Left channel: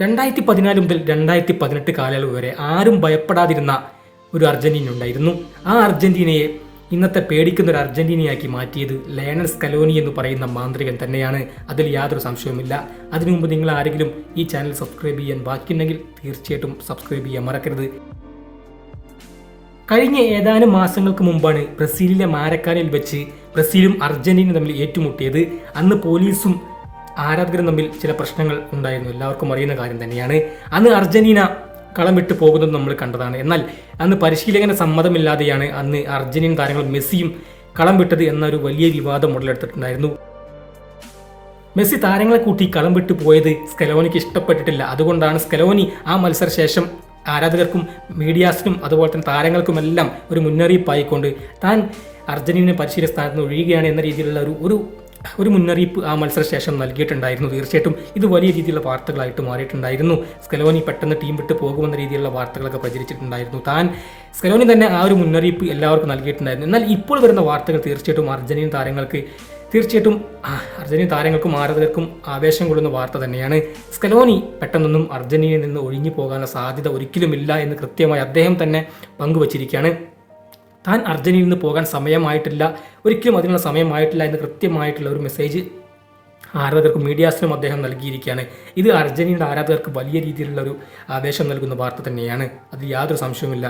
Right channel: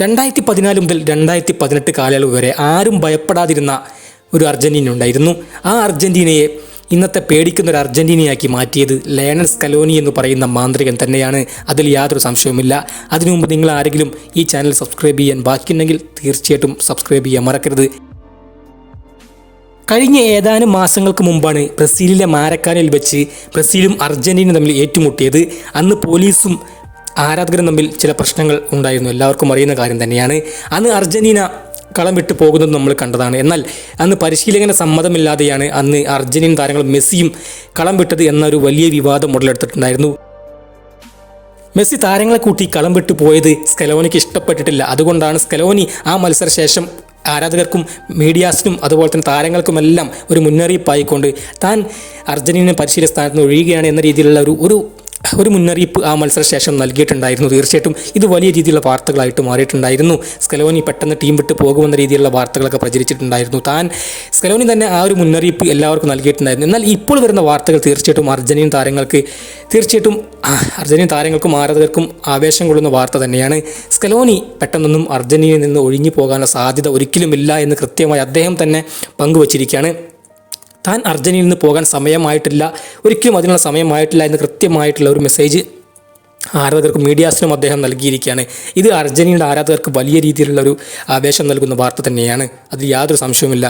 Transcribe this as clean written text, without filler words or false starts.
2014 മുതൽ 2018 കാലയളവ് വരെ ആരും ഭയപ്പെടാതിരുന്ന ഒരു അർജന്റീന ഉണ്ടായിരുന്നു. ആ അർജന്റീനയെ ഇന്നത്തെ പേടിക്കുന്ന ഒരു അർജന്റീനയാക്കി മാറ്റിയത് ലയണൽ സ്കലോനി എന്ന് പറയുന്ന മാന്ത്രികൻ തന്നെയാണ്. അതിൽ യാതൊരു സംശയവുമില്ല. അതിനു മുമ്പ് നിങ്ങൾ ആരെങ്കിലും ഈ ചാനൽ സബ്സ്ക്രൈബ് ചെയ്യാൻ ബാക്കിയുണ്ടെങ്കിൽ തീർച്ചയായിട്ടും സബ്സ്ക്രൈബ് ചെയ്യാൻ മറക്കരുത്. കഴിഞ്ഞ ഏതാനും മാസങ്ങൾക്ക് മുമ്പാണ് ബ്രസീലിലെ മാരക്കാനയിൽ വെച്ച് ബ്രസീലും അർജന്റീനയും തമ്മിൽ ഏറ്റുമുട്ടിയത്. അന്ന് പോലീസും ആരാധകരും തമ്മിൽ ചില പ്രശ്നങ്ങൾ ഉണ്ടായിരുന്നു. എല്ലാവർക്കും അറിയുന്ന കാര്യം തന്നെയാണ്. അന്ന് അർജന്റീന കളം വിട്ട് പോകുന്നത് നമ്മൾ കണ്ടതാണ്. എന്നാൽ അന്ന് പരിശീലകന് സമ്മതമില്ലാതെയാണ് അന്ന് അർജന്റീൻ താരങ്ങൾ മെസ്സിയും കളം വിട്ടത് എന്നൊരു വലിയ വിവാദം ഉടലെടുത്തിട്ടുണ്ടായിരുന്നു. മെസ്സി താരങ്ങളെ കൂട്ടി കളം വിട്ടു പോയത് സ്കലോനിക്ക് ഇഷ്ടപ്പെട്ടിട്ടില്ല. അതുകൊണ്ടാണ് സ്കലോനി ആ മത്സരശേഷം ആരാധകർക്കും മീഡിയാസിനും അതുപോലെ തന്നെ താരങ്ങൾക്കുമെല്ലാം ഒരു മുന്നറിയിപ്പായിക്കൊണ്ട് താൻ അർജന്റീന പരിശീലന സ്ഥാനത്ത് നിന്ന് ഒഴിയുകയാണ് എന്ന രീതിയിലുള്ള ഒരു മുന്നറിയിപ്പ് ആ മത്സരശേഷം നൽകിയിട്ടുണ്ടായിരുന്നു. തീർച്ചയായിട്ടും ഇത് വലിയ രീതിയിലുള്ള വാർത്തകളായിട്ട് മാറിയിട്ടുണ്ടായിരുന്നു. സ്കലോനി പെട്ടെന്ന് ടീം വിട്ട് പോകുമെന്ന രീതിയിലുള്ള വാർത്തകളൊക്കെ പ്രചരിച്ചിട്ടുണ്ടായിരുന്നു. സ്കലോനി തന്നെ ആ ഒരു മുന്നറിയിപ്പ് എല്ലാവർക്കും നൽകിയിട്ടുണ്ടായിരുന്നു. എന്നാൽ ഇപ്പോൾ വരുന്ന വാർത്തകൾ തീർച്ചയായിട്ടും അർജന്റീൻ താരങ്ങൾക്കും ആരാധകർക്കും ആവേശം കൊള്ളുന്ന വാർത്ത തന്നെയാണ്. സ്കലോനി പെട്ടെന്നൊന്നും അർജന്റീനയിൽ നിന്ന് ഒഴിഞ്ഞു പോകാനുള്ള സാധ്യത ഒരിക്കലുമില്ല എന്ന് കൃത്യമായി അദ്ദേഹം തന്നെ പങ്കുവച്ചിരിക്കുകയാണ്. താൻ അർജന്റീനയിൽ നിന്ന് പോകാൻ സമയമായിട്ടില്ല, ഒരിക്കലും അതിനുള്ള സമയമായിട്ടില്ല എന്ന് കൃത്യമായിട്ടുള്ള ഒരു മെസ്സേജ് ആരാധകർക്കും മീഡിയാസിനും അദ്ദേഹം നൽകിയിരിക്കുകയാണ്. ഇത് അർജന്റീനയുടെ ആരാധകർക്ക് വലിയ രീതിയിലുള്ള ഒരു ആവേശം നൽകുന്ന വാർത്ത തന്നെയാണ്. അതിൽ യാതൊരു സംശയവുമില്ല.